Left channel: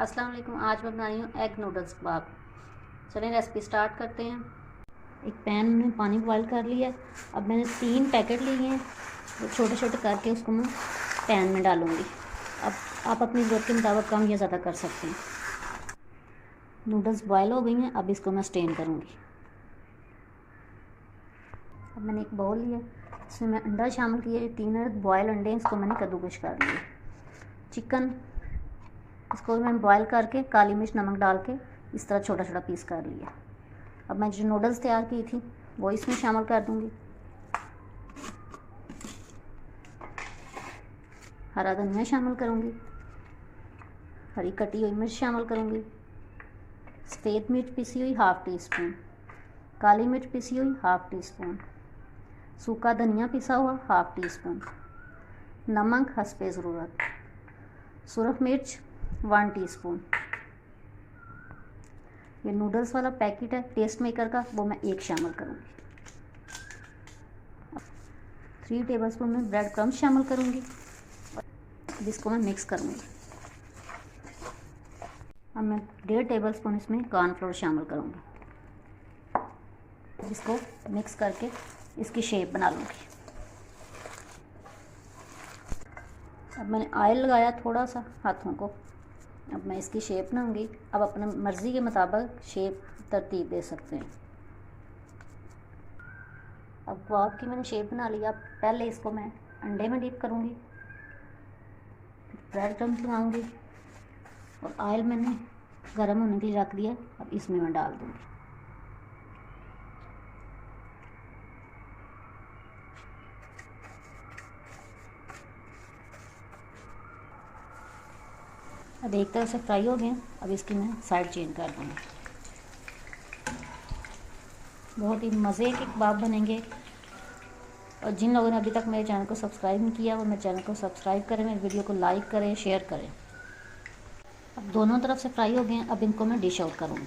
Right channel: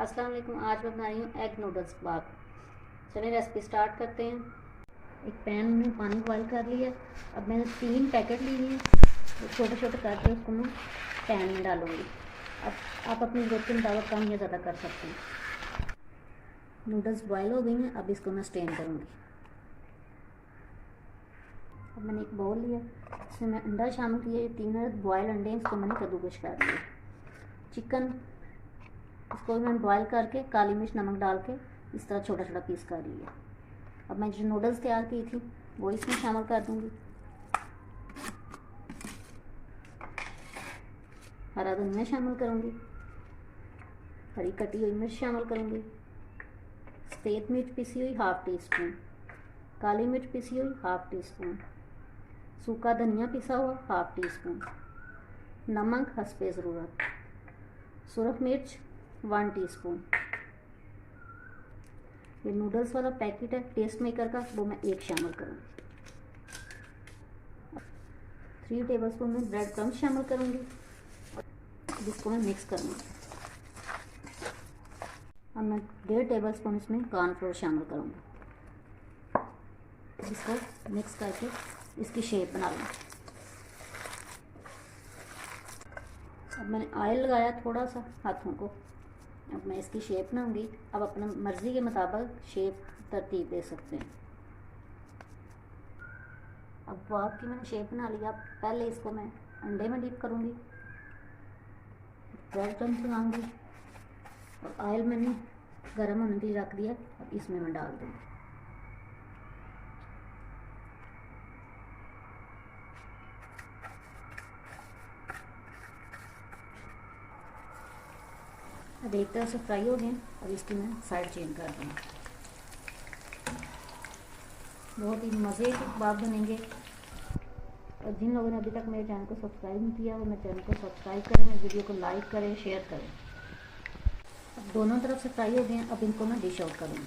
अस्सलाम वालेकुम। आज मैं बना रही हूँ एग नूडल्स कबाब। चलिए रेसिपी स्टार्ट करते हैं। एक पैन में पानी बॉयल कर लिया। अब मैंने 3 पैकेट लिए हैं, छोटे छोटे करके उसको मैं पैन में डालूँगी। अब आप अपनी ज़रूरत के मुताबिक कम या ज़्यादा कर सकते हैं। नूडल्स बॉयल हो गई हैं, अब इसको मैं स्टेन करूँगी। अब मैंने एक बाउल लिया, इसमें मैं अंडा शामिल किए, 3 बॉयल अंडे, इसको मैंने कद्दूकश कर लिया। चिकन, इसको मैंने बॉयल करके काली मिर्च नमक डाल के इस तरह छोटा छोटा पीस कर लिया। अब मैं जो नूडल्स तैयार की थी वो इसमें शामिल कर दूंगी। हरा धनिया शामिल करूंगी, हरी कटी हुई मिर्च शामिल करूंगी, सफ़ेद मिर्च पिसी हुई 1/2 टीस्पून, काली मिर्च पिसी हुई 1/2 टीस्पून, सूखा धनिया पिसा हुआ 1/2 टीस्पून, नमक हस्बे ज़रूरत, सुरख मिर्च 1 टीस्पून। ये नूडल्स वाला पैकेट है टेस्ट मेकर का, वो मैं 1 शामिल करूँगी। 3 टेबलस्पून में ब्रेड क्रम्स शामिल करूँगी। अब इसको मैं मिक्स करूँगी। अब मैं 1.5 टेबलस्पून इसमें कॉर्नफ्लोर शामिल करूँगी। इसको मिक्स करके इसकी शेप बना लूँगी। अब मैंने ऑयल लगाया थोड़ा सा हाथों को। अब मैं इसकी शेप बनाऊंगी। अब अपने मर्ज़ी के मुताबिक शेप तरतीब दे सकते हैं। अब कबाब की मैंने शेप बना लिया। पहले इसको मैं अंडे में डिप करूंगी, ब्रेड क्रम्स बनाऊंगी और ऑयल मैंने गर्म होने के लिए रख दिया। अब इसमें मैं डाल दूंगी। अब एक तरह से फ्राई हो गए। अब इसकी मैं साइड चेंज कर दूँगी। बहुत ही मज़े के कबाब बनेंगे। और जिन लोगों ने अभी तक मेरे चैनल को सब्सक्राइब नहीं किया वो मेरे चैनल को सब्सक्राइब करें, मेरे वीडियो को लाइक करें, शेयर करें। अब दोनों तरफ से फ्राई हो गए हैं। अब इनको मैं डिश आउट करूँगी।